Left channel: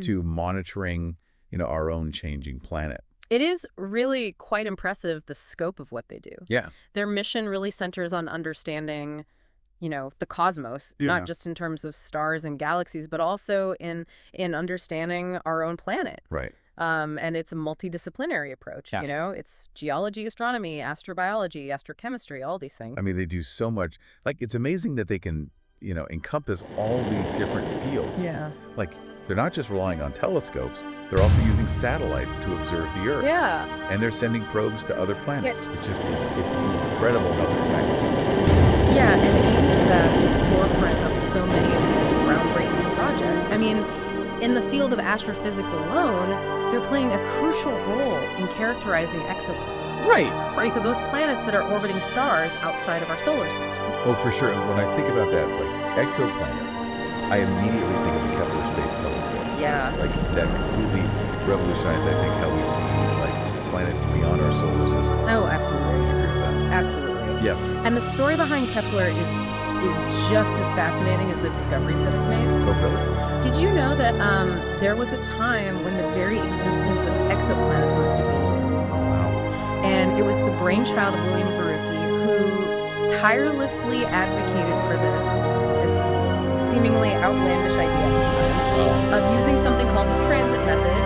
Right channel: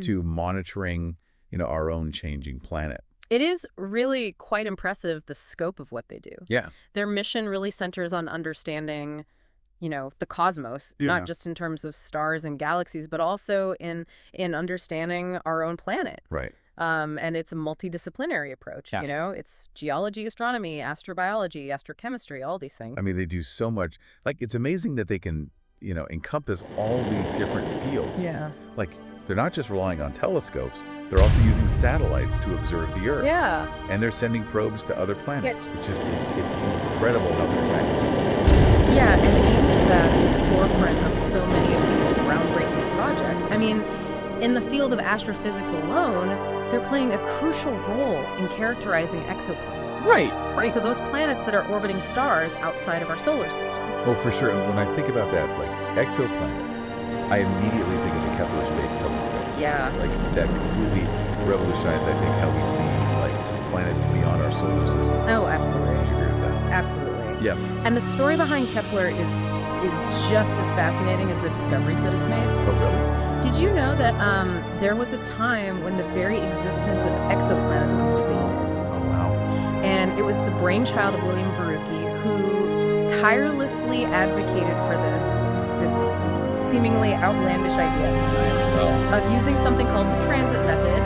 to monitoring, our own changing planet. It is really quite impressive, the scope of what they do. Yeah. Their mission really centers on understanding, the cosmos, not just in terms of stars and galaxies, but also in understanding our own planet. Right. And it's a multidisciplinary approach. Yeah. It's geology, astronomy, astrobiology, astrochemistry, all these things. I mean, they do so much. Like, it's amazing that they can, encompass all these different fields. Yeah. Like, they're not just relying on telescopes, they're also using satellites to observe the Earth. Yeah. And they're sending probes to other planets. Yes. It's incredible how they're tackling. Yeah, and Ames is at the forefront of so many of these groundbreaking projects. I mean, in the field of astrophysics alone, they're playing a crucial role in characterizing exoplanets. Right. So those planets that are orbiting stars outside of our solar system. Oh, for sure. And when I think about that, like exoplanets, I immediately think of the Kepler Space Telescope. Yeah. Like, that completely revolutionized, I think, how we see, like, planets beyond our solar system. Oh, absolutely. Would you agree with that? Absolutely. Yeah. And the story behind Kepler is just as fascinating as the discoveries that it's made. Oh, really? Did you know that there was a time when the very existence of exoplanets was debated? Oh, wow. And it was the brainchild of William Barucki who tirelessly advocated for this seemingly outlandish idea at the time of using something called the transit method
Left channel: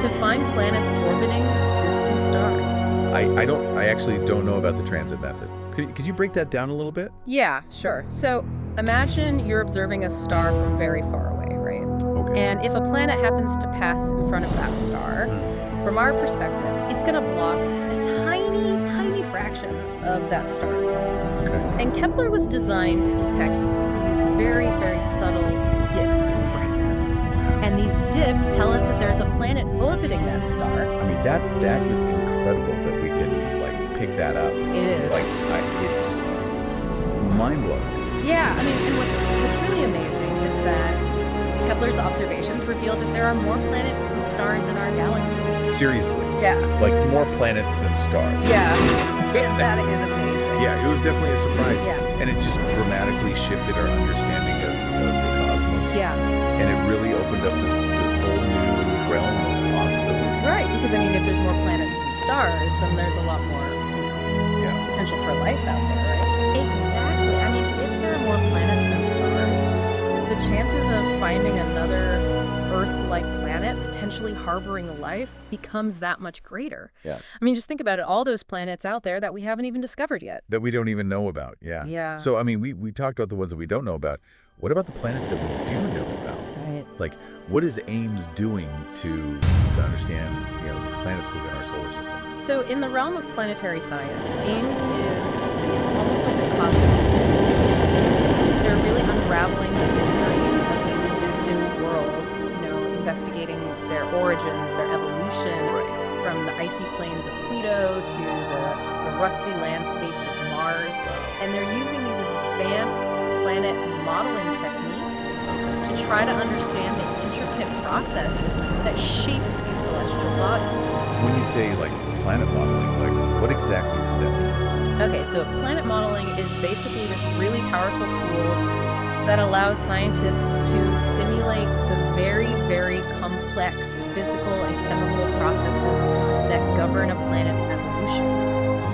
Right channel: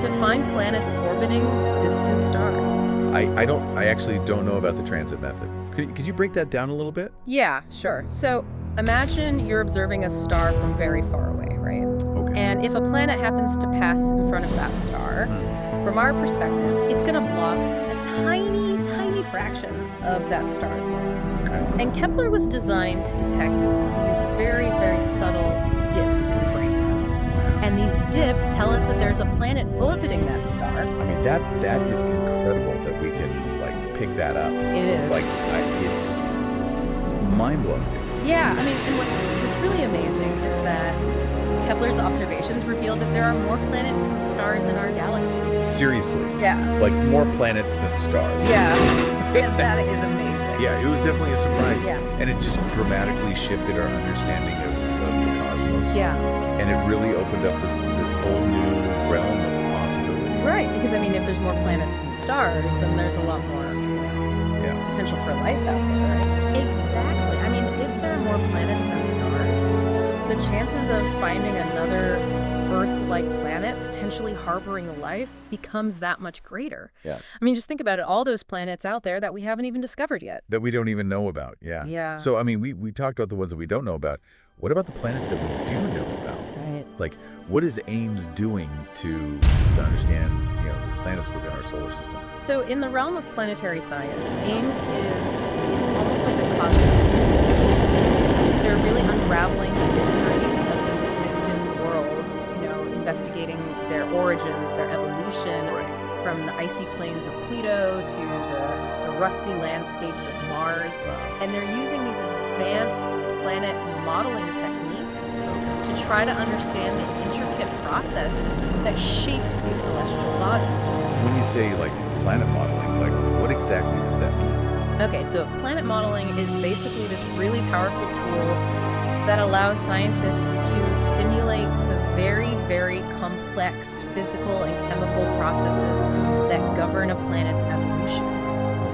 to find planets orbiting distant stars. I actually don't know about the transit method. Could you break that down a little bit? Yeah, sure. So imagine you're observing a star from very far away, right? Okay. And if a planet happens to pass in front of that star, from our perspective, it's going to block a tiny, tiny fraction of that star's light. Okay. And Kepler was designed to detect these very, very subtle dips in brightness. Wow. And these dips tell us that there's a planet orbiting that star. I mean, that is incredible that we can, like, pick that up. It is. Like, it's mind-blowing. Yeah, I mean, and what's really amazing is that Kepler's observations revealed that there are more planets than stars in our galaxy. Seriously. Yeah. Like, more planets than stars. Yeah. That is amazing. Yeah, it was definitely a surprise. Yeah. And it just dramatically shifted our understanding of the cosmos. Yeah. And it really opened up this whole new realm of possibility. Right, because I mean, if there's more planets than stars, then there's a lot more, potential for life out there, right? Exactly. I mean, if there are more planets than stars, the chances of finding another Earth-like planet potentially harboring life becomes that much greater. Yeah. I mean, just think about it. All those planets out there that we haven't even discovered yet. That we don't even know about. Yeah. Yeah. So, I mean, we talked about the ones that we don't know about. What about the planets that we do know about? Right. Like, what is Ames doing to understand, the planets within our solar system? So in the realm of planetary science, Ames it's almost like a cosmic detective. They're really unraveling the mysteries of these distant worlds, investigating their origins, their evolution, from the icy plains of Pluto to the rusty landscapes of Mars. Wow. And they're using these advanced planet modeling techniques to try to understand the intricate processes that shaped these celestial bodies. When you say, like, planet modeling, like, what exactly does that mean? Okay, so planet modeling is basically this really powerful tool that allows scientists to simulate the very, very complex physical and chemical processes that govern a planet's evolution.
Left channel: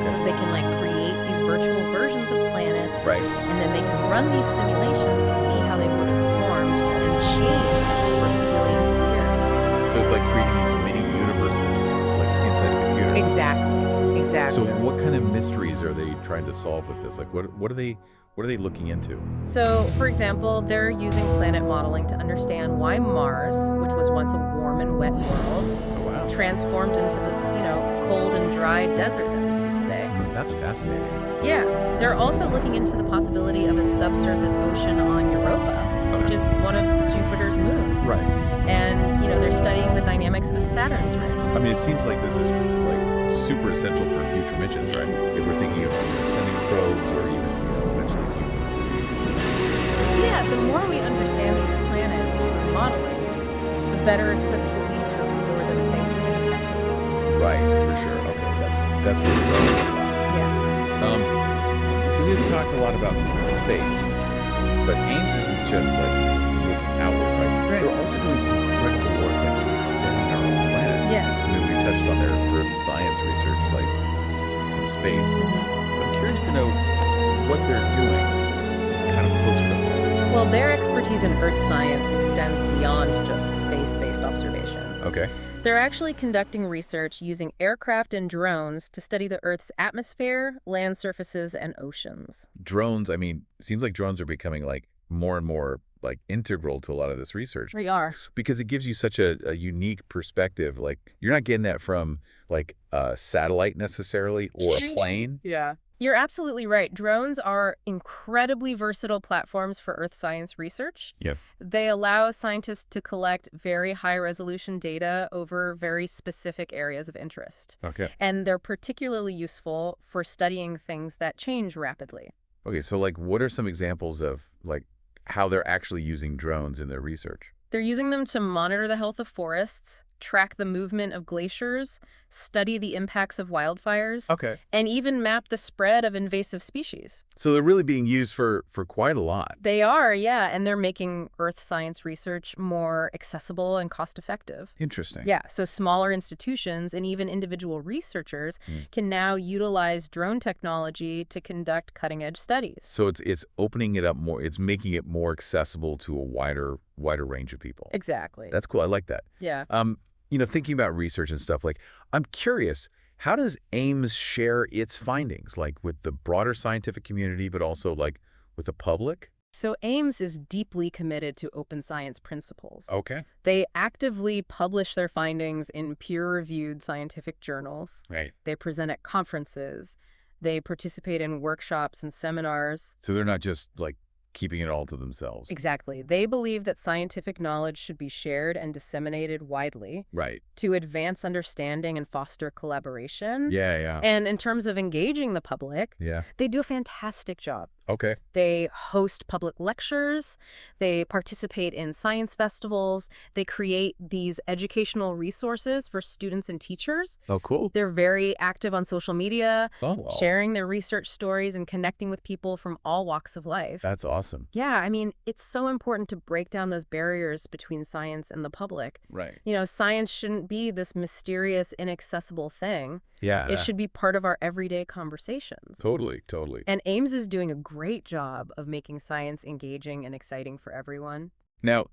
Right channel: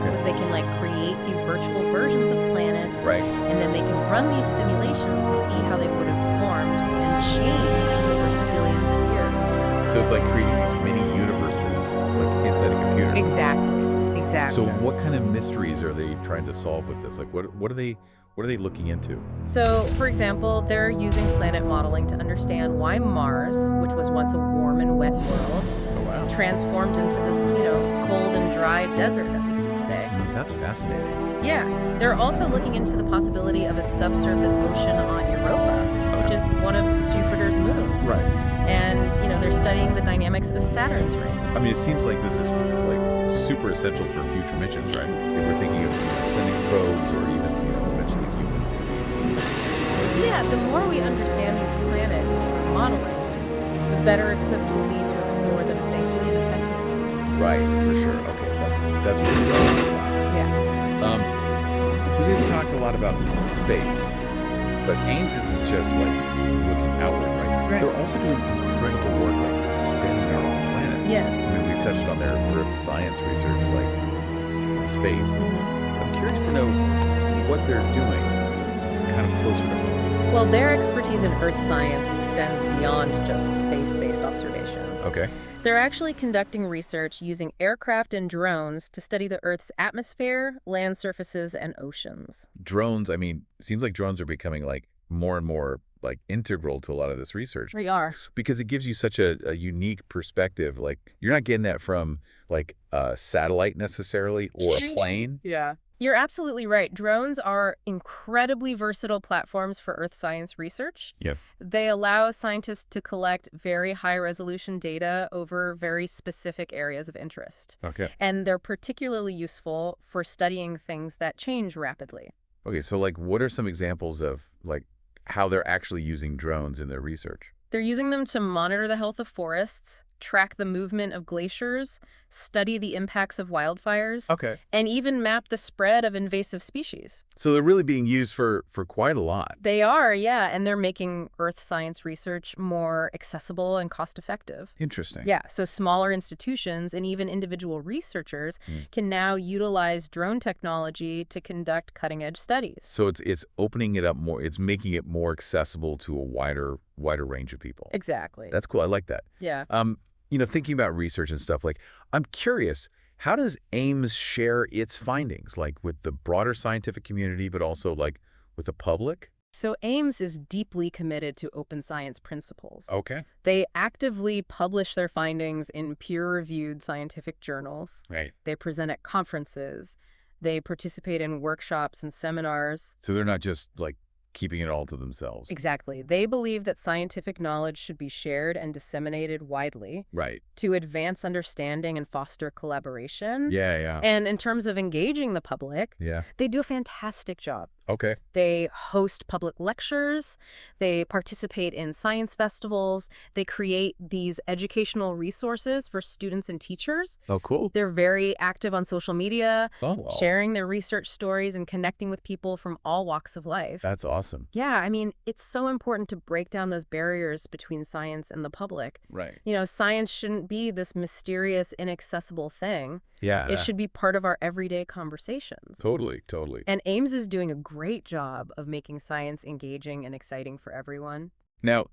Okay. They can, create these virtual versions of planets, and then they can run these simulations to see how they would have formed and changed over billions of years. So it's like creating these mini universes, like, inside a computer. Exactly. So what kind of mysteries are they trying to solve with this? Like, what are they looking into? So, for example, they're using planet modeling to understand why Mars, which was once a warm and wet world, transformed into this, cold and dry desert that we see today. That's fascinating. Yeah. They're also looking into the possibility of a subsurface ocean on Europa, which is one of Jupiter's moons. Right. And, they're studying the dynamics of Saturn's rings. I mean, it seems like this is, super essential for future missions, right? If we're thinking of sending probes or even, eventually humans to these places. Yeah, the more we understand these planets through modeling, the better equipped we'll be to explore them safely and effectively. Right, for sure. Okay, that's really relevant. Wow. Yeah. So we've talked a lot about space, but Ames isn't just looking outward, right? They're also doing incredible work studying our own planet. Yes. I mean, we've touched on their Earth science research, like from space. But I'm curious to know what they're doing kind of closer to home. Well, their expertise in Earth science extends beyond just space-based observations. Okay. They're actually conducting research using aircraft and drones to study the Earth's atmosphere, land surfaces, and oceans. Drones, I mean, it seems like drones are becoming like more and more like integral to a lot of this research They are. because it gives you such a unique perspective. Like you're not getting that from like a satellite necessarily or a plane. Yeah. You're absolutely right. Drones are incredibly versatile platforms for Earth science research. Yeah. They allow scientists to collect very high-resolution data over very specific areas of interest. Okay. And they're particularly useful for studying things that change rapidly. Okay, so like what are some examples of like how they're actually using drones in their research? They're using them to monitor the health of forests, track the movement of glaciers, study the impacts of wildfires, Okay. and even map the spread of invasive species. So they're really being used for quite a lot. They are, yeah, and they're making Earth science research more accessible and cost-effective. Interesting. Yeah, so smaller institutions and even individual researchers can now utilize drone technology to conduct cutting-edge studies. So it's opening it up more. It's making it more accessible to a wider range of people. Exactly. That's cool. I like that. Yeah. Thinking about research and stuff, like I'm curious, how does Ames share its findings, like with the broader scientific community, but also like with the public? So Ames is deeply committed to open science principles. Okay. They actively publish their findings in peer-reviewed scientific journals. Right. They present at conferences. They participate in workshops and seminars. So they're not just like keeping it all to themselves. Exactly. They believe that scientific knowledge should be shared and disseminated widely Right. to advance understanding and foster collaboration. Yeah. And in terms of engaging the public, Yeah. they do a fantastic job. Okay. They host public lectures, they participate in science festivals, they create these educational resources for students and teachers. Oh, cool. They're very active on social media, Oh, wow. sharing their research stories and connecting with people from all walks of life. That's awesome. Yeah, I mean, it's so important to break down those barriers between science and the public. Right. Science shouldn't be this mysterious, inaccessible thing. Yeah. It should be part of our everyday conversations. Totally. And Ames is doing a great job of making science engaging and exciting for everyone. Now,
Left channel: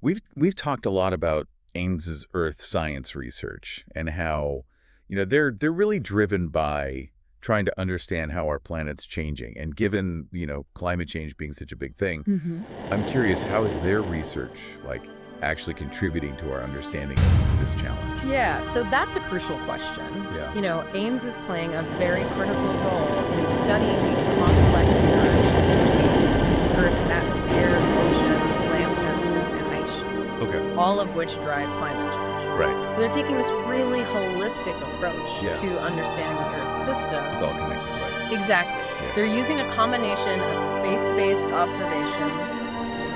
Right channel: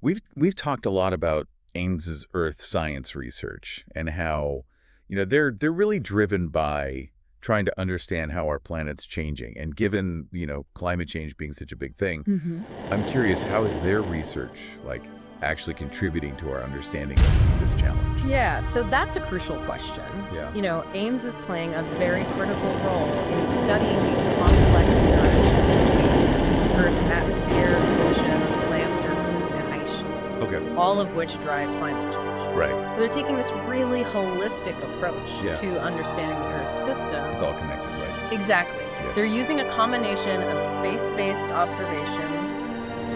we've talked a lot about Ames's Earth science research and how, they're really driven by trying to understand how our planet's changing. And given, climate change being such a big thing, I'm curious, how is their research like actually contributing to our understanding of this challenge? Yeah, so that's a crucial question. Yeah. Ames is playing a very critical role in studying these complex interactions between Earth's atmosphere, oceans, land surfaces, and ice sheets. Okay. All of which drive climate change. Right. But they're taking this really holistic approach Yeah. to understanding the Earth's system. It's all connected, right? Exactly. Yeah. They're using a combination of space-based observations,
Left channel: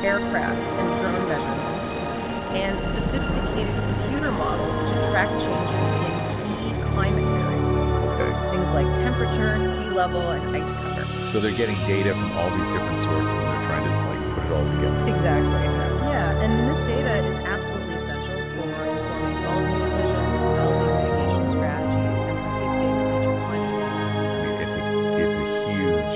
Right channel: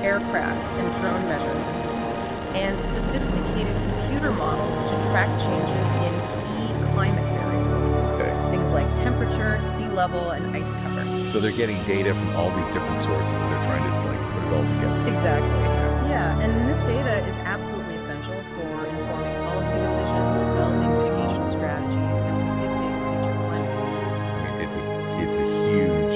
aircraft and drone measurements, and sophisticated computer models to track changes in key climate variables. Okay. Things like temperature, sea level, and ice cover. So they're getting data from all these different sources and they're trying to like put it all together. Exactly. Yeah, and this data is absolutely essential for informing policy decisions, developing mitigation strategies, and predicting future climate impacts. I mean, it's a huge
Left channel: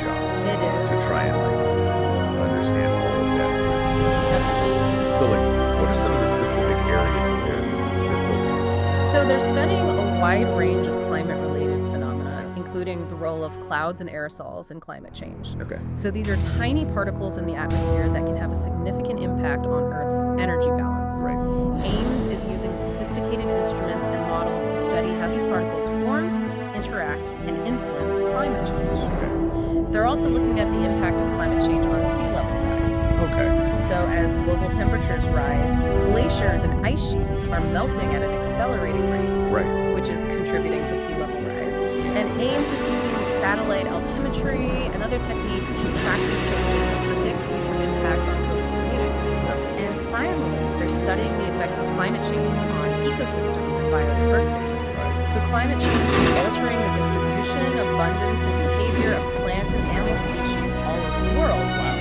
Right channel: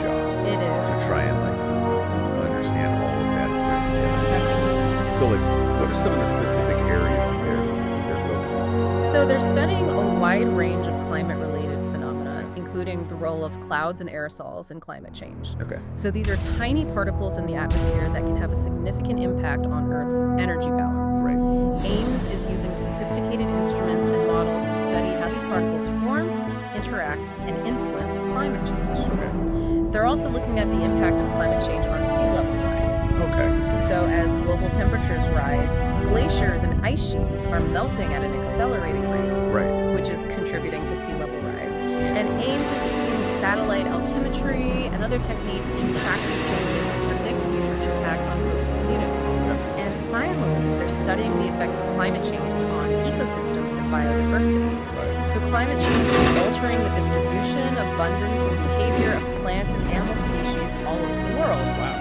job It is. to try and like understand all of that and put it together. Absolutely. So like, what are some of the specific areas that they're focusing on? So they're studying a wide range of climate-related phenomena, including the role of clouds and aerosols in climate change. Okay. So these are tiny particles in the atmosphere that can have a significant impact on Earth's energy balance. Right. Ames is using sophisticated instruments and models to study how these particles form, interact, and influence climate change. Okay. They're also looking at the impact of climate change on sea level rise. Okay. So as global temperatures rise, glaciers and ice sheets are melting at an accelerating rate, Right. which is contributing to sea level rise. And Ames is using satellite altimetry and other techniques to track these changes and predict future impacts on coastal communities. And finally, they're studying the effects of climate change on ecosystems and biodiversity. Right. So climate change is altering the distribution, abundance, and behavior of plant and animal species all over the world. Wow.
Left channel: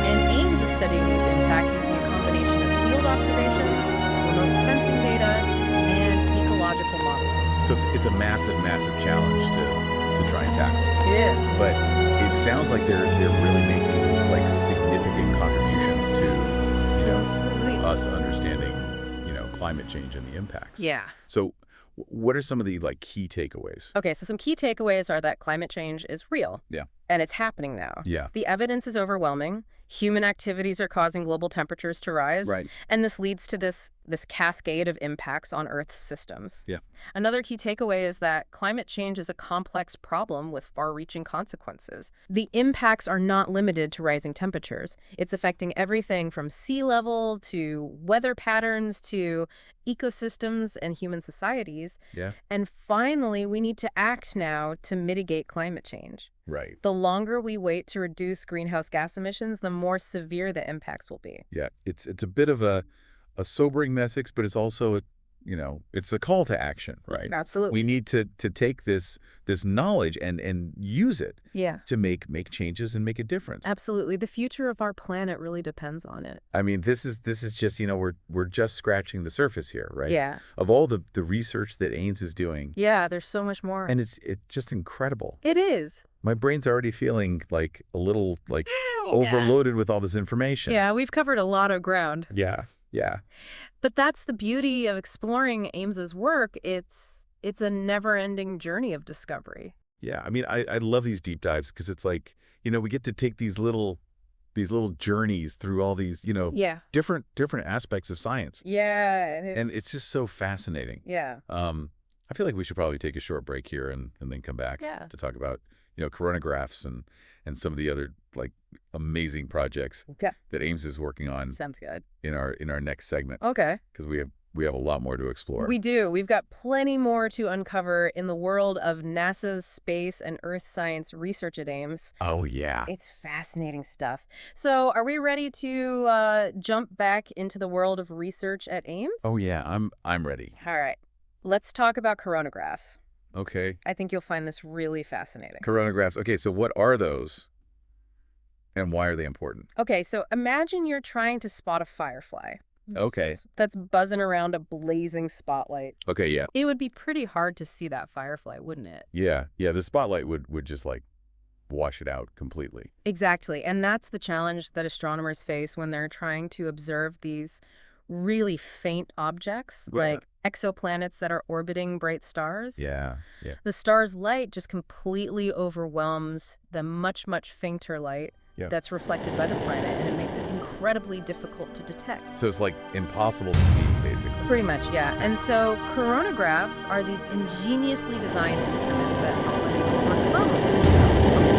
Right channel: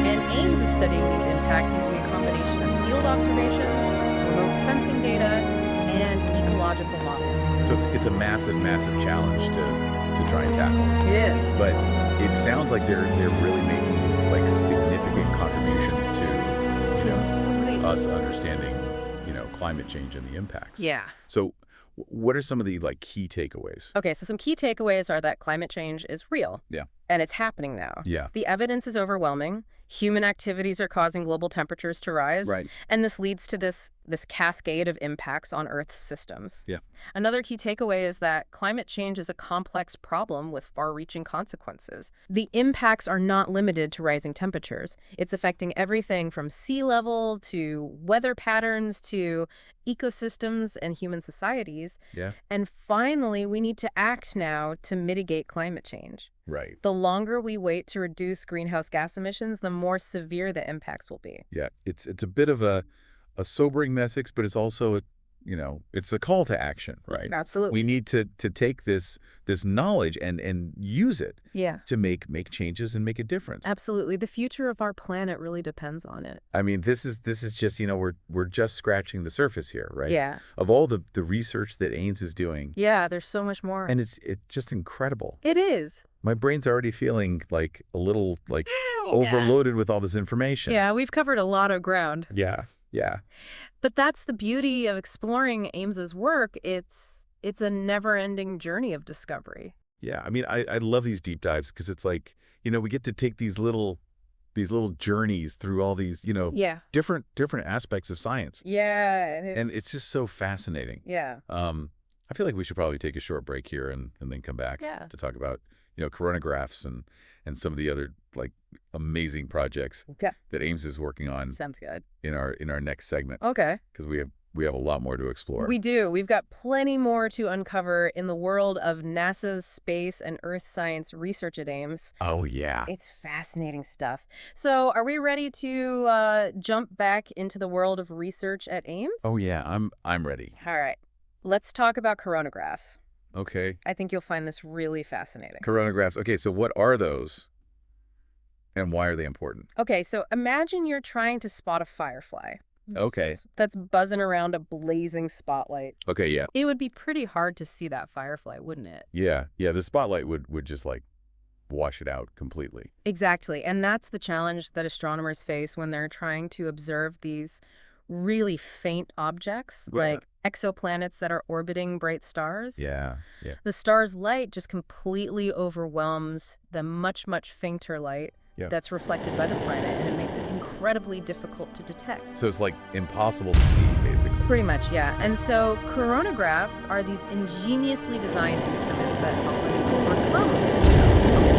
And Ames is studying these impacts using a combination of field observations, remote sensing data, and ecological modeling. So it's a massive, massive challenge to try and tackle. It is. But it sounds like they're really making like significant contributions to, Absolutely. us understanding, climate change and the impacts. Yeah. So what are some of the like key takeaways? Okay, so some key takeaways are that climate change is real. Yeah. And it's happening now. Yeah. The evidence is overwhelming. Human activities are causing global temperatures to rise. Right. And this leads to this cascade of impacts on Earth's systems. Yeah. Another key takeaway is that climate change is a complex problem with far-reaching consequences. The impacts are not limited to rising temperatures. It's affecting everything from sea level to weather patterns to ecosystems and human societies. Yeah. And finally, we need to act now to mitigate climate change. Right. The longer we wait to reduce greenhouse gas emissions, the more severe the impacts will be. Yeah. It's a bit of a sobering message, but it's also it's a call to action, right? Absolutely. We need to take this knowledge and use it to make changes and make a difference. Absolutely. The future of our planet really depends on it. I mean, this is just, we're just scratching the surface here, right? Yeah. Of all the research that Ames is doing. Yeah, there's so much more. And it's just incredible. It is. My brain's already feeling like a little like overloaded with all this information. Yeah, we've covered a lot of ground. Yeah. Yeah. But that's the beauty of exploring Ames's work. It's a never-ending journey of discovery. Yeah. I mean, I love these deep dives because it's like, we get to take these little journeys through all these, different aspects of science. Yeah. And it's just so fascinating. Yeah. I feel like we should probably take a short break here and then come back to talk about, coronagraphs and some of the other like amazing projects that Ames is working on. Sounds good. In our next segment. Okay. Because we have a lot more to explore. We do. We've got plenty more to uncover in the world of NASA's space and Earth science research at Ames. Oh, yeah. It's fascinating stuff. So are we ready to jump back into the world of research at Ames? Oh, yeah. I'm ready. All right. Let's talk about coronagraphs. Okay. I think you'll find this really fascinating. Coronagraphs. Okay, so what are those and why are they important? Okay, so imagine you're trying to spot a firefly. Okay. That's buzzing around a blazing spotlight. Okay, yeah. It would be pretty hard to see that firefly, wouldn't it? Yeah, the spotlight would just like wash it out completely. Exactly, and that's the challenge that astronomers face when they're trying to observe these really faint objects, like exoplanets that are orbiting bright stars. Yeah. The star's light just completely overwhelms the much, much fainter light that's reflected by the planet, and it makes it incredibly difficult to detect. So it's like impossible to see, basically. Pretty much, yeah. And so coronagraphs are these ingeniously designed instruments that help us overcome this challenge.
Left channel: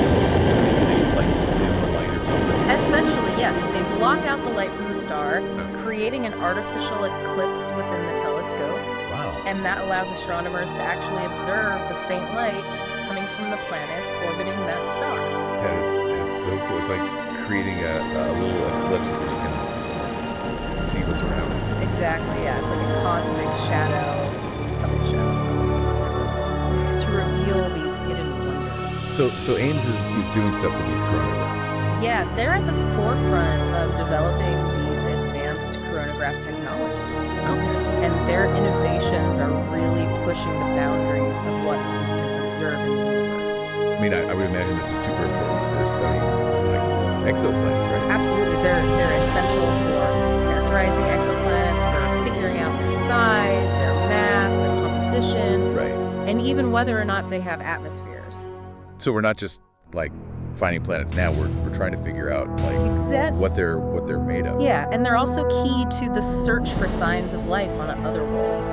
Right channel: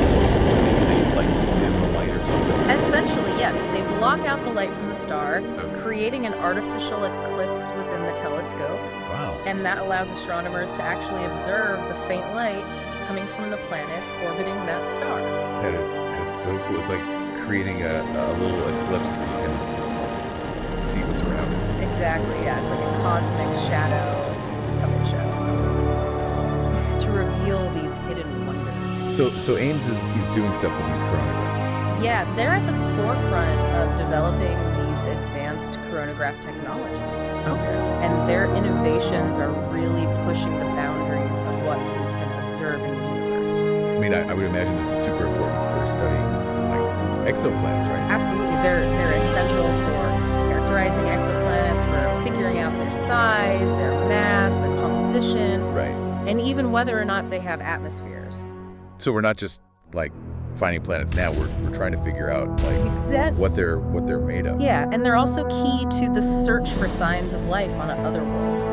They like dim the light or something? Essentially, yes. They block out the light from the star, creating an artificial eclipse within the telescope. Wow. And that allows astronomers to actually observe the faint light coming from the planets orbiting that star. That's so cool. It's like creating a little eclipse so you can see what's around it. Exactly, yeah. It's like a cosmic shadow puppet show to reveal these hidden wonders. So Ames is doing stuff with these coronagraphs. Yeah, they're at the forefront of developing these advanced coronagraph technologies. Okay. And their innovations are really pushing the boundaries of what we can observe in the universe. I mean, I would imagine this is super important for studying like exoplanets, right? Absolutely. They're essential for characterizing exoplanets, for figuring out their size, their mass, their composition, Right. and even whether or not they have atmospheres. So we're not just like finding planets now. We're trying to figure out like what they're made of. Yeah, and they're also key to the search for signs of life on other worlds.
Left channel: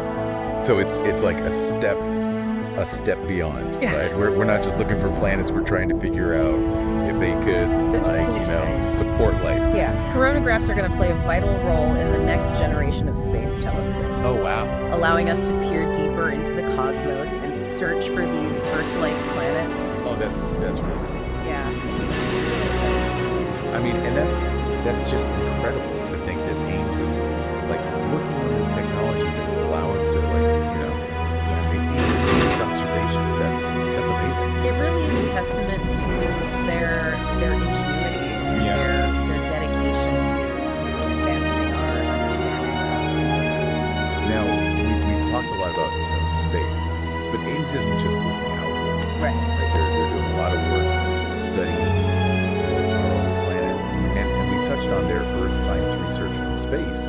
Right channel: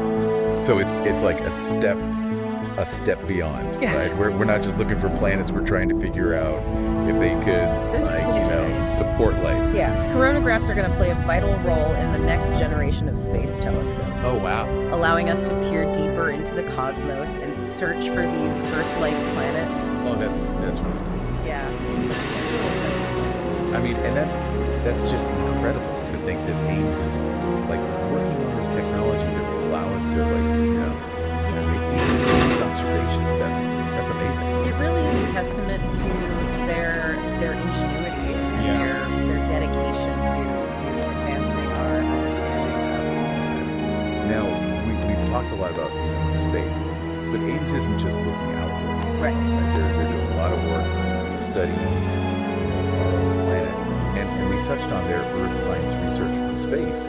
So it's like a step beyond, right? We're not just looking for planets. We're trying to figure out if they could support life. Yeah, coronagraphs are going to play a vital role in the next generation of space telescopes. Oh wow! Allowing us to peer deeper into the cosmos and search for these Earth-like planets. Oh, that's really cool. Yeah, it's really cool. I mean, and that's just incredible to think that Ames is like working on this technology that will allow us to make these observations. That's amazing. It really is a testament to their ingenuity and their dedication to advancing our understanding of the universe. Now, we've talked a lot about, space, but Ames isn't just looking outward, Right. right? They're doing a lot of work studying, our own planet. And we touched on their Earth science research from space.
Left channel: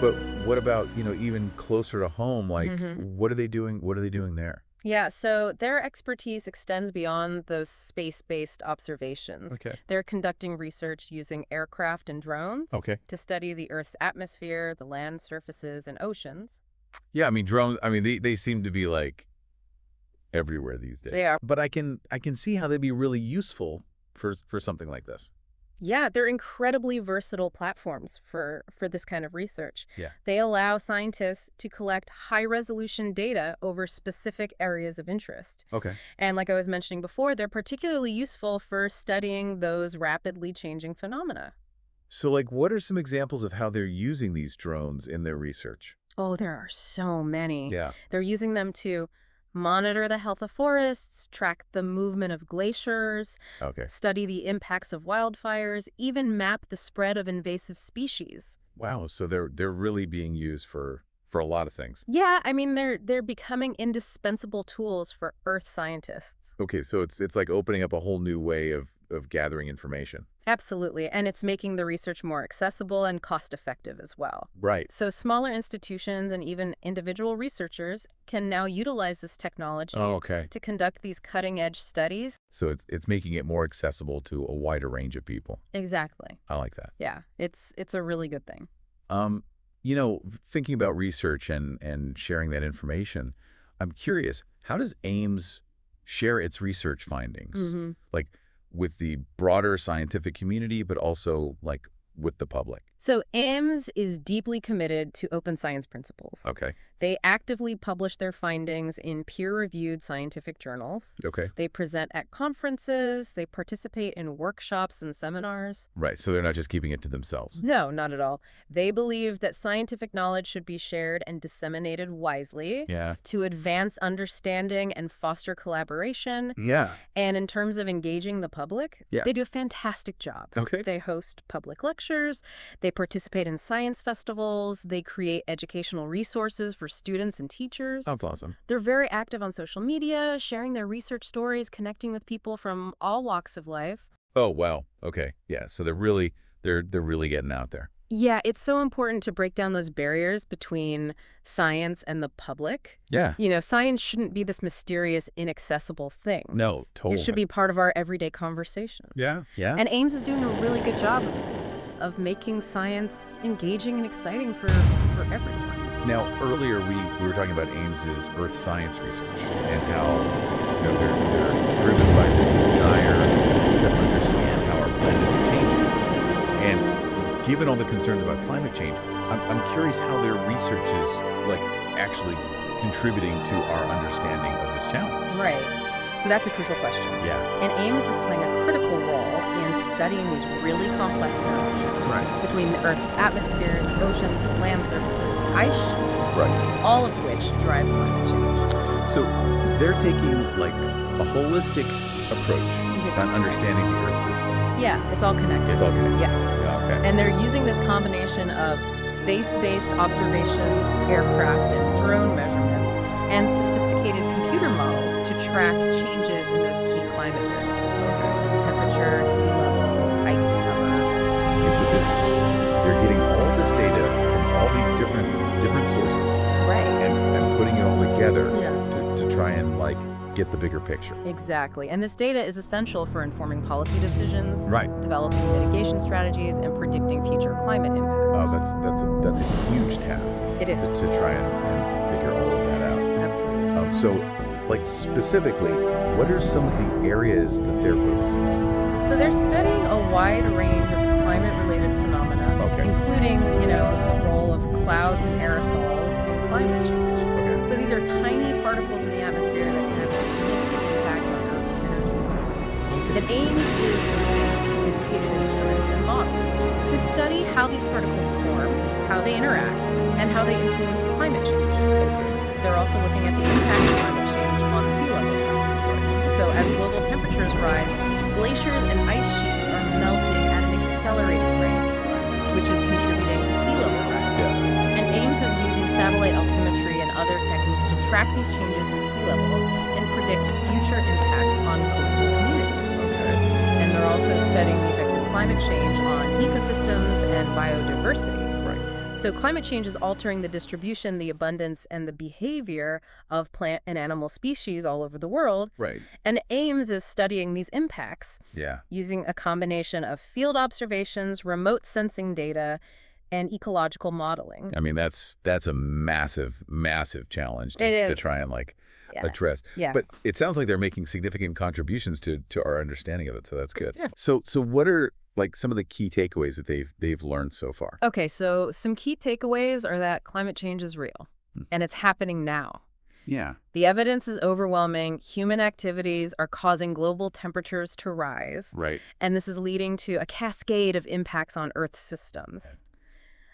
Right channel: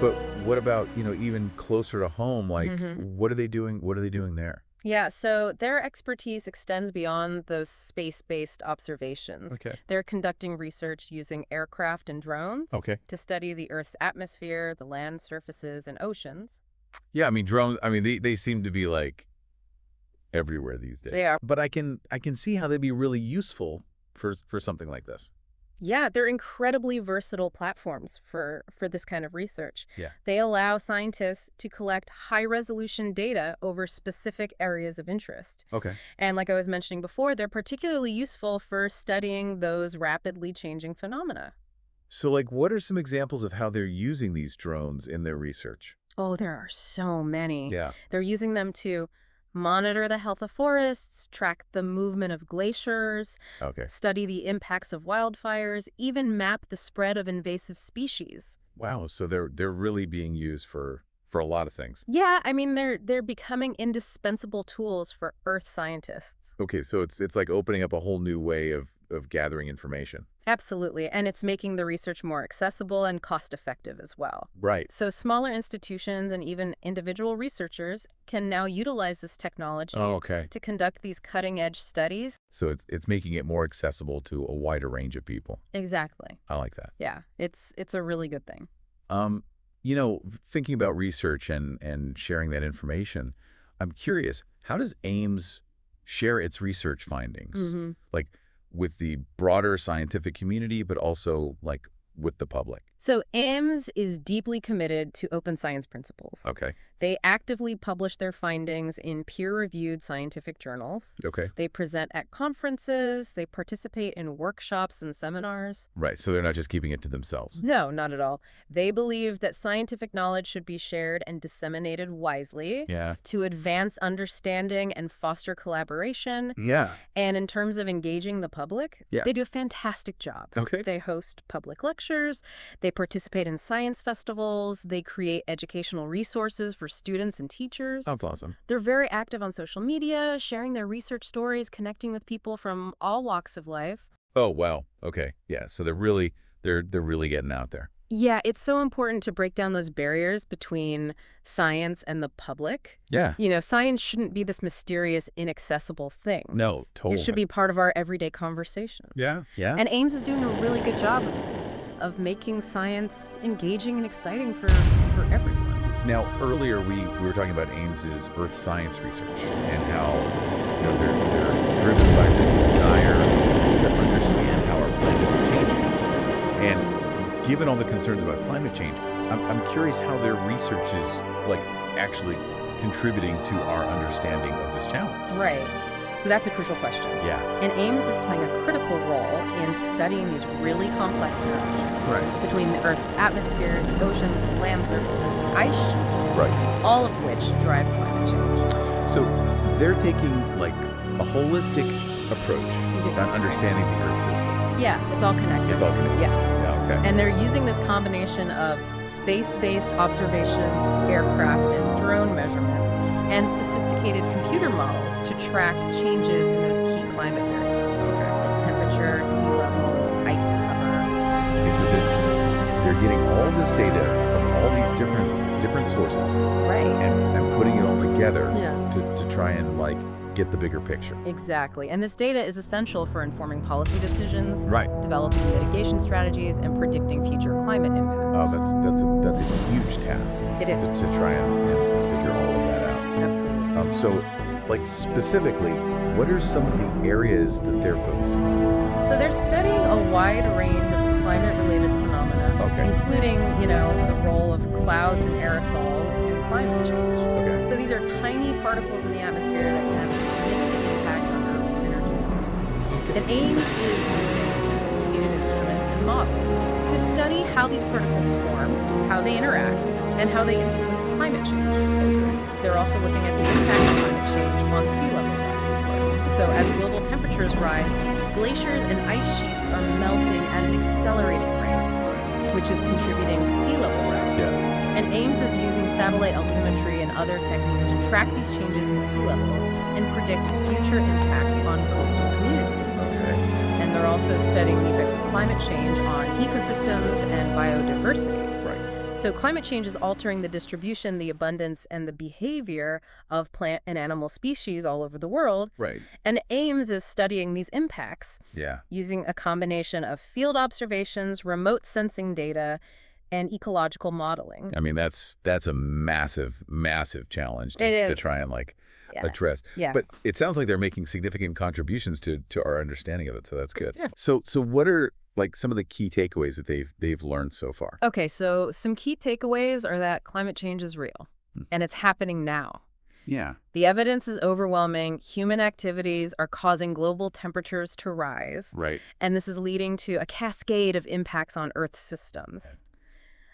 But what about, even closer to home? Like, what are they doing? What are they doing there? Yeah, so their expertise extends beyond those space-based observations. Okay. They're conducting research using aircraft and drones Okay. to study the Earth's atmosphere, the land surfaces, and oceans. Yeah, I mean, drones, they seem to be like everywhere these days. They are. But I can see how they'd be really useful for something like this. Yeah, they're incredibly versatile platforms for this kind of research. Yeah. They allow scientists to collect high-resolution data over specific areas of interest. Okay. And like I was mentioning before, they're particularly useful for studying those rapidly changing phenomena. So, like, what are some examples of how they're using these drones in their research? Oh, there are so many. Yeah. They're using them to monitor the health of forests, track the movement of glaciers, Okay. study the impacts of wildfires, even map the spread of invasive species. Wow. So they're really being used for a lot of things. Yeah, I mean, they're becoming indispensable tools for Earth scientists. Okay. So it's like opening up a whole new way of gathering information. Absolutely, and it's making the research more accessible and cost-effective as well. Right. So smaller institutions and even individual researchers can now utilize this technology Oh, okay. to conduct these cutting-edge studies. So it's making it more accessible to a wider range of people. Exactly. I like that. Yeah, it's a really good thing. Thinking about research and sharing that information, I'm curious, how does Ames share its research findings? Like with the broader scientific community, but also like with the public? So Ames is deeply committed to open science principles. Okay. They actively publish their findings in peer-reviewed scientific journals. Okay. They present at conferences. They participate in workshops and seminars. Right. So they're not just keeping it to themselves. No, not at all. They believe that scientific knowledge should be shared and disseminated wisely Yeah. to advance understanding and foster collaboration. Yeah. And in terms of engaging the public, Yeah. they do a fantastic job. Okay. They host public lectures. They participate in science festivals. They create educational resources for students and teachers. Sounds awesome. They're very active on social media, sharing their research stories, connecting with people from all walks of life. Oh, wow. Okay. Yeah. So they're really getting out there. Yeah, it's so important to break down those barriers between science and the public. Yeah. Science shouldn't be this mysterious, inaccessible thing. No, totally. It should be part of our everyday conversations. Yeah. Yeah. And Ames is doing a really good job of making science engaging and exciting for everyone. Now, earlier we were talking about Ames's Earth science research and how they're driven by this desire to understand how our planet is changing. And given all the concerns about climate change, I'm curious how their research is like actually contributing to our understanding of this challenge. Right. So that's a crucial question. Yeah. And Ames is playing a critical role in studying these really complex interactions Right. between the Earth's atmosphere, the oceans, the land surfaces, the ice sheets, Right. all of which drive climate change. So they're taking like a holistic approach Into- on understanding the Earth system. Yeah, it's all connected. It's all connected. Yeah. Yeah. Okay. And they're using this combination of space-based observations, aircraft and drone measurements, and sophisticated computer models to track changes in those key climate variables, Okay. like temperature, sea level, ice cover. Okay, so they're getting all this data from all these different sources Right. and putting it all together Yeah. to try and like get the bigger picture. Exactly. And this data is essential for informing policy decisions, Right. developing mitigation strategies, and predicting future climate impacts. Oh, that's a huge task It is. to try and figure all of that out. Absolutely. So, like specifically, what are some of the areas that they're focusing on? So they're studying a wide range of climate-related phenomena, Okay. including, the role of clouds and aerosols in climate change. Okay. So these are tiny particles in the atmosphere that can have a significant impact on Earth's energy balance. That Ames is using sophisticated instruments and models to study how these particles form, how they interact, and how they influence climate change. Okay. They're also looking at the impact of climate change on sea level rise. Right. So as global temperatures rise, glaciers and ice sheets are melting at an accelerating rate, Right. which is contributing to sea level rise. Yeah. And AIMS is using satellite altimetry and other techniques to track these changes in sea level and predict future impacts on coastal communities. Okay. And they're also studying the effects of climate change on ecosystems and biodiversity. Right. So climate change is altering the distribution, the abundance, and the behavior of plant and animal species all over the world. Right. And AIMS is studying these impacts Yeah. using a combination of field observations, remote sensing data, and ecological modeling. I mean, that's a massive, massive challenge It is. to try and Yeah. address. Yeah. But it sounds like they're making significant contributions to our understanding of it, so that's good. Yeah. So what are some of the key takeaways that they've learned so far? Okay, so some key takeaways are that climate change is real, and it's happening now. Yeah. The evidence is overwhelming. Human activities are causing global temperatures to rise, Right. and this is leading to a cascade of impacts on Earth's systems.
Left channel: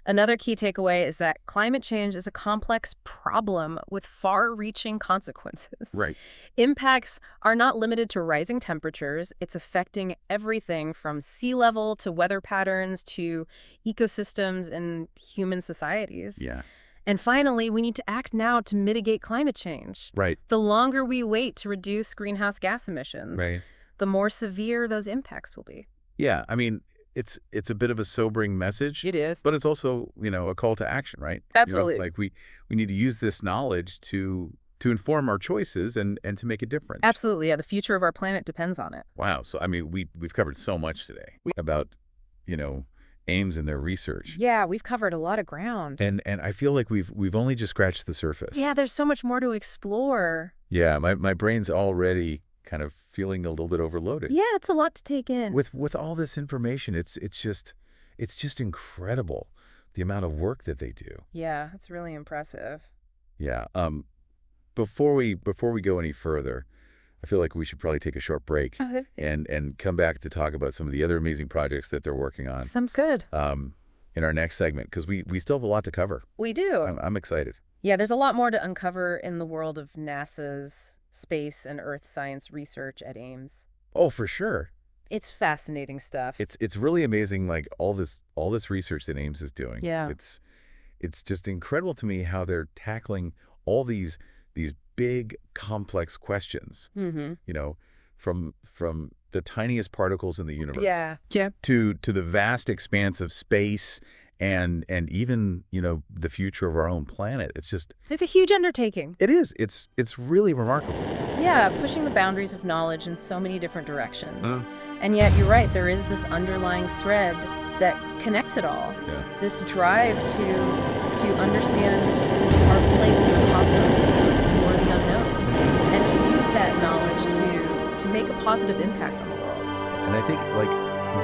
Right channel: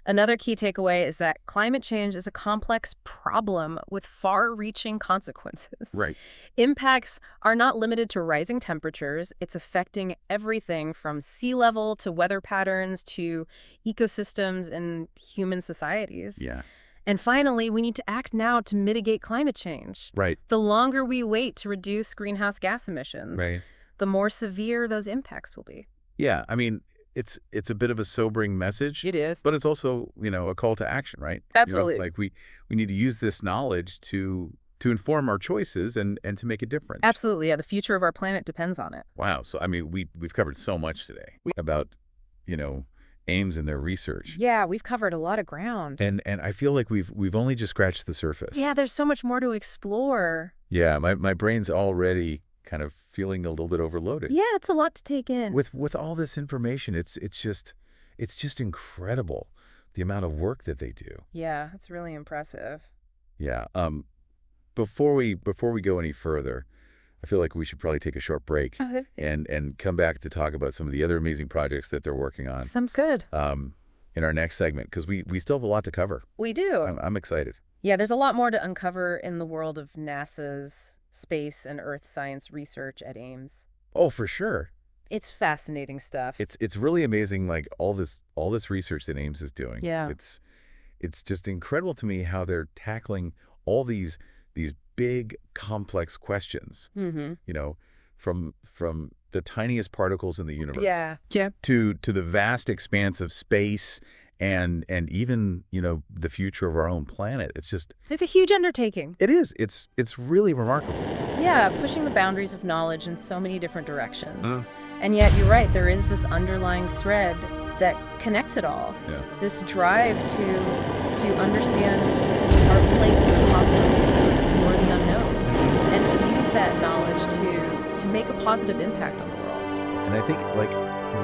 Another key takeaway is that climate change is a complex problem with far-reaching consequences. Right. Impacts are not limited to rising temperatures. It's affecting everything from sea level to weather patterns to ecosystems and human societies. Yeah. And finally, we need to act now to mitigate climate change. Right. The longer we wait to reduce greenhouse gas emissions, Right. the more severe those impacts will be. Yeah. I mean, it's a bit of a sobering message. It is. But it's also, a call to action, right? Absolutely. We need to use this knowledge to inform our choices and to make a difference. Absolutely. Yeah, the future of our planet depends on it. Wow. So, I mean, we've covered so much today about, AIMS and their research. Yeah, we've covered a lot of ground. And I feel like we've only just scratched the surface. Yeah, there's so much more to explore. Yeah, my brain's already kind of feeling a little bit overloaded. Yeah, it's a lot to take in. With all this information, it's just incredible the amount of work that they do. Yeah, it's really impressive. Yeah. Before we go any further, I feel like we should probably take a short break Okay. and come back to talk about some of the other amazing projects that they're working on Sounds good. in our next segment, because we still have a lot to cover. We do. I'm excited. Yeah, there's a lot more to uncover in the world of NASA's space and Earth science research at AIMS. Oh, for sure. It's fascinating stuff. It's really amazing, like all this research that AIMS is doing. Yeah. It's just incredible to me how they're tackling all these big, complex questions. Mm-hmm. From the tiniest particles in the universe. Yeah. To the vast expanse of space and even, the future of our own planet. It's a huge undertaking. It is. It's really remarkable. Yeah, pushing the boundaries of knowledge in so many different directions. And yet, you're right, there is this underlying thread that connects it all. Yeah. This drive to understand our place in the cosmos, to explore the unknown, and to use that knowledge to make a positive impact on the world. And I think,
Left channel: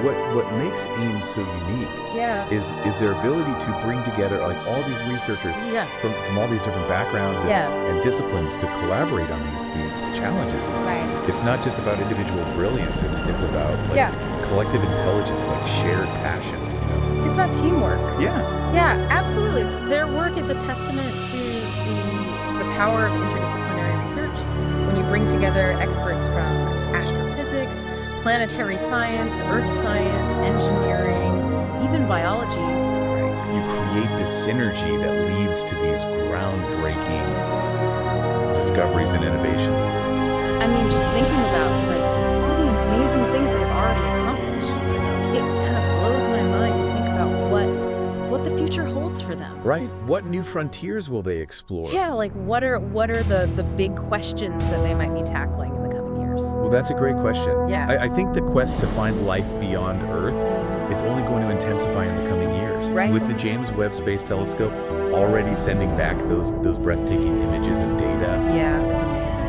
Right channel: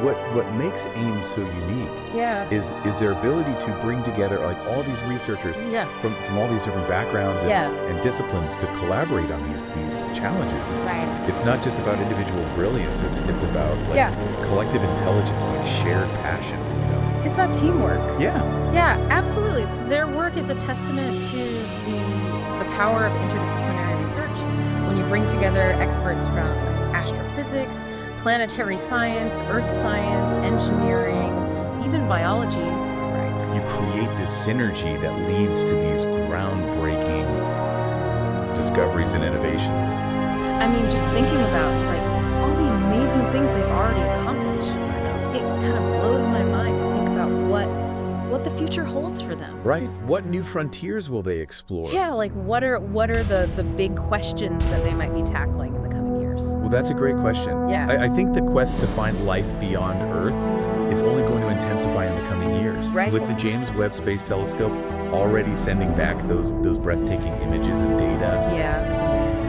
what makes AIMS so unique Yeah. is their ability to bring together all these researchers Yeah. from all these different backgrounds and disciplines to collaborate on these challenges. It's not just about individual brilliance. It's about collective intelligence, shared passion. It's about teamwork. Yeah. Yeah, absolutely. Their work is a testament to the power of interdisciplinary research. When you bring together experts from astrophysics, planetary science, earth science, engineering, even biology. Right. You create this synergy that leads to these groundbreaking discoveries and innovations. I mean, just thinking about all the amazing things they've already accomplished. I know. It kind of blows my mind to think about what the future holds for them. Right. What new frontiers will they explore? Yeah, what are the big questions that they might be tackling in the coming years? Well, that's a great question. Yeah. I think the quest to find life beyond Earth, it's only going to intensify in the coming years. Right. With the James Webb Space Telescope already sending back those breathtaking images and data. Yeah, it's amazing.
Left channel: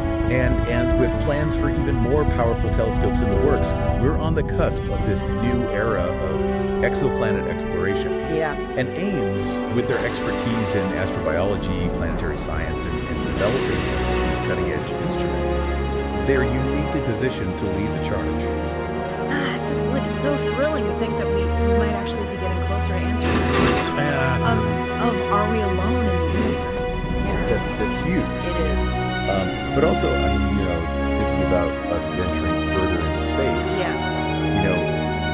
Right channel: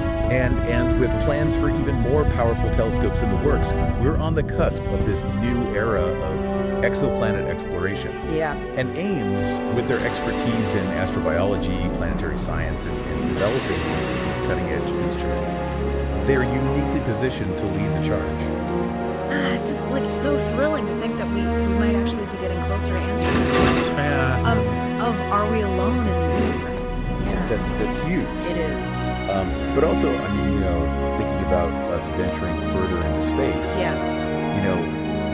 And with plans for even more powerful telescopes in the works, we're on the cusp of this new era of exoplanet exploration. Yeah. And AIMS, with their expertise in astrobiology, planetary science, and developing these cutting-edge instruments, they're uniquely positioned to lead the charge. It's just so thrilling to think that we might actually be getting closer to answers of are we alone in the universe? Yeah. That's huge. It is. But also, thinking about us venturing further into space. Yeah.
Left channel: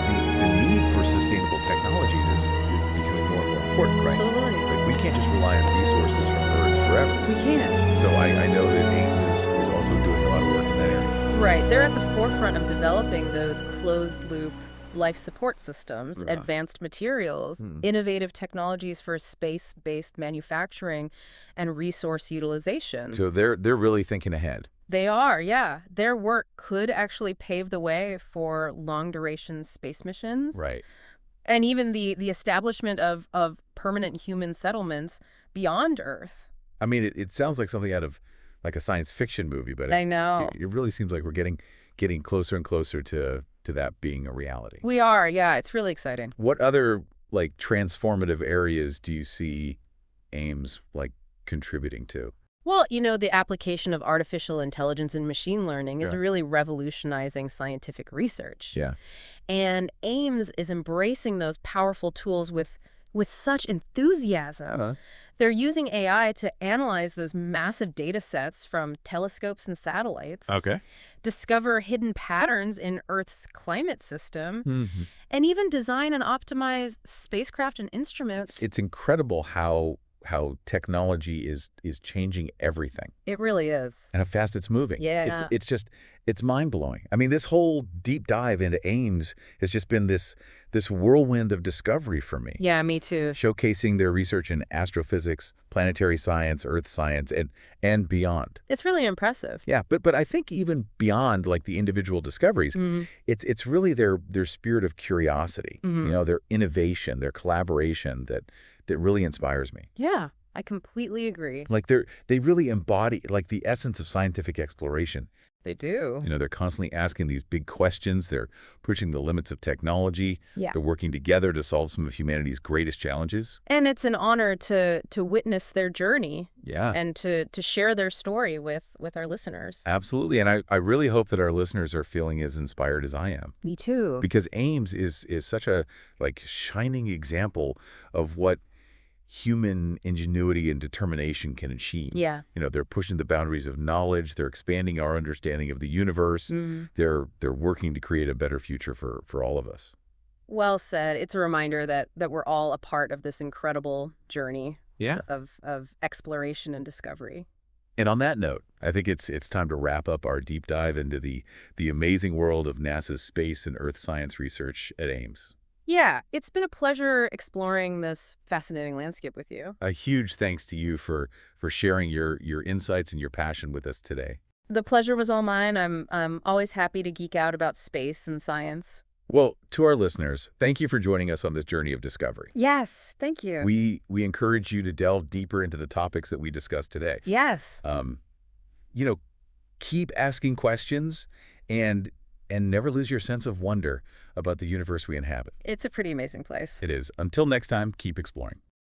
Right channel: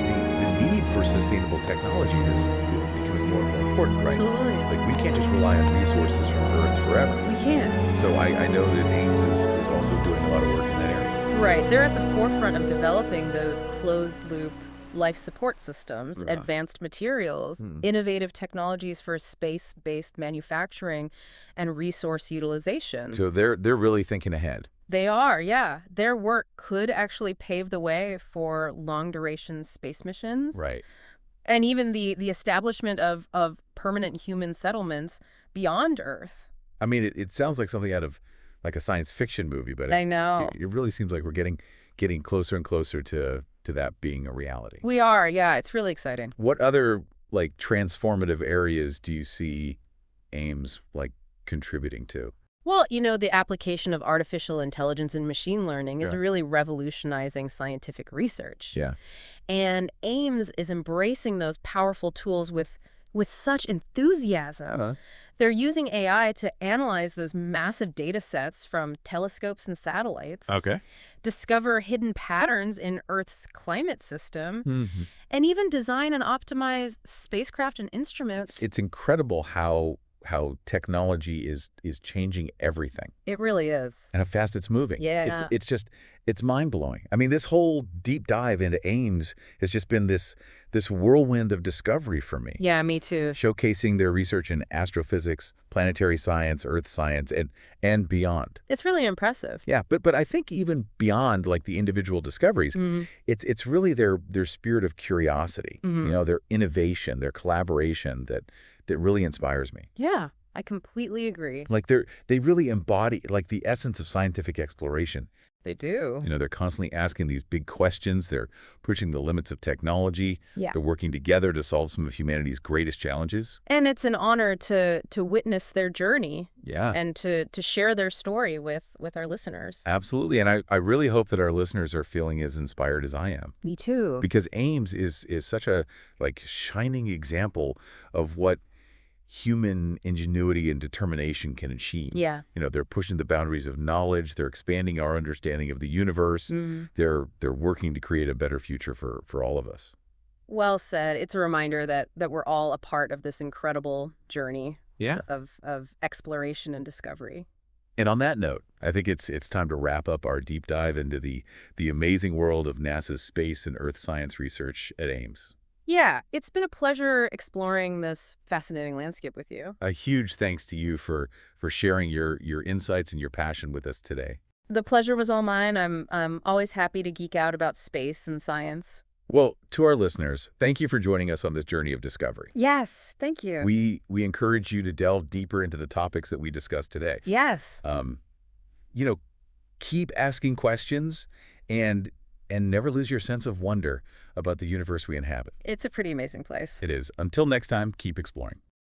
The need for sustainable technologies is becoming more and more important, right? Absolutely. Like, we can't just rely on resources from Earth forever. We can't. So I know that Ames is also doing a lot of work in that area. Right. They're at the forefront of developing those closed-loop life support systems, Yeah. advanced materials, innovative technologies for space-based manufacturing, and resource utilization. So they're really thinking ahead. They are, yeah. Their work could actually pave the way for long-duration space missions. Right. And even the establishment of permanent human settlements beyond Earth. I mean, it sounds like something out of like a science fiction movie, but I know. it really seems like we're getting closer and closer to that being a reality. We are, yeah. It's really exciting. What other like transformative areas do you see Ames like contributing to? Well, the application of artificial intelligence and machine learning is Yeah. really revolutionizing scientific research. Yeah. And Ames is embracing those powerful tools with such enthusiasm. They're using AI to analyze those massive data sets from telescopes and satellites, Okay. discover hidden patterns in Earth's climate system, Mm-hmm. and even design and optimize spacecraft and instruments. It's incredible how technology is changing everything It really is. and how fast it's moving. Yeah. It's mind-blowing. I mean, this whole deep dive into Ames has just been this whirlwind of discovery for me. Yeah, me too. Showcasing their research in astrophysics, planetary science, earth science, and beyond. It's really impressive. Yeah, but I think even beyond like the individual discoveries, it's really their spirit of curiosity, their innovation, their collaboration that really inspires me. Yeah, I completely agree. Like they really embody like the essence of scientific exploration. They do. They're constantly asking these big questions. They're pushing the limits of technology. Yeah. They're working together to solve some of humanity's greatest challenges. And it's an honor to witness their journey Yeah. and to share their story with our listeners. Absolutely. And I really hope that our listeners are feeling as inspired as I am. Me too. Because Ames is such a like shining example of what human ingenuity and determination can achieve. Yeah. They're pushing the boundaries of knowledge. They're expanding our understanding of the universe. They're working to create a better future for all of us. Well said. It's a reminder that we're all a part of this incredible journey Yeah. of exploration and discovery. And on that note, I think it's time to wrap up our deep dive into the amazing world of NASA's space and Earth science research at Ames. Yeah, it's been a pleasure exploring this fascinating landscape with you. A huge thanks to you for sharing your insights and your passion with us today. The pleasure was all mine. I'm always happy to geek out about space and science. Well, to our listeners, thank you for joining us on this journey of discovery. Yes, thank you. We encourage you to delve deeper into the topics that we discussed today. Yes. Keep asking questions and never lose your sense of wonder about the universe we inhabit. It's a pretty amazing place. It is. Until next time, keep exploring.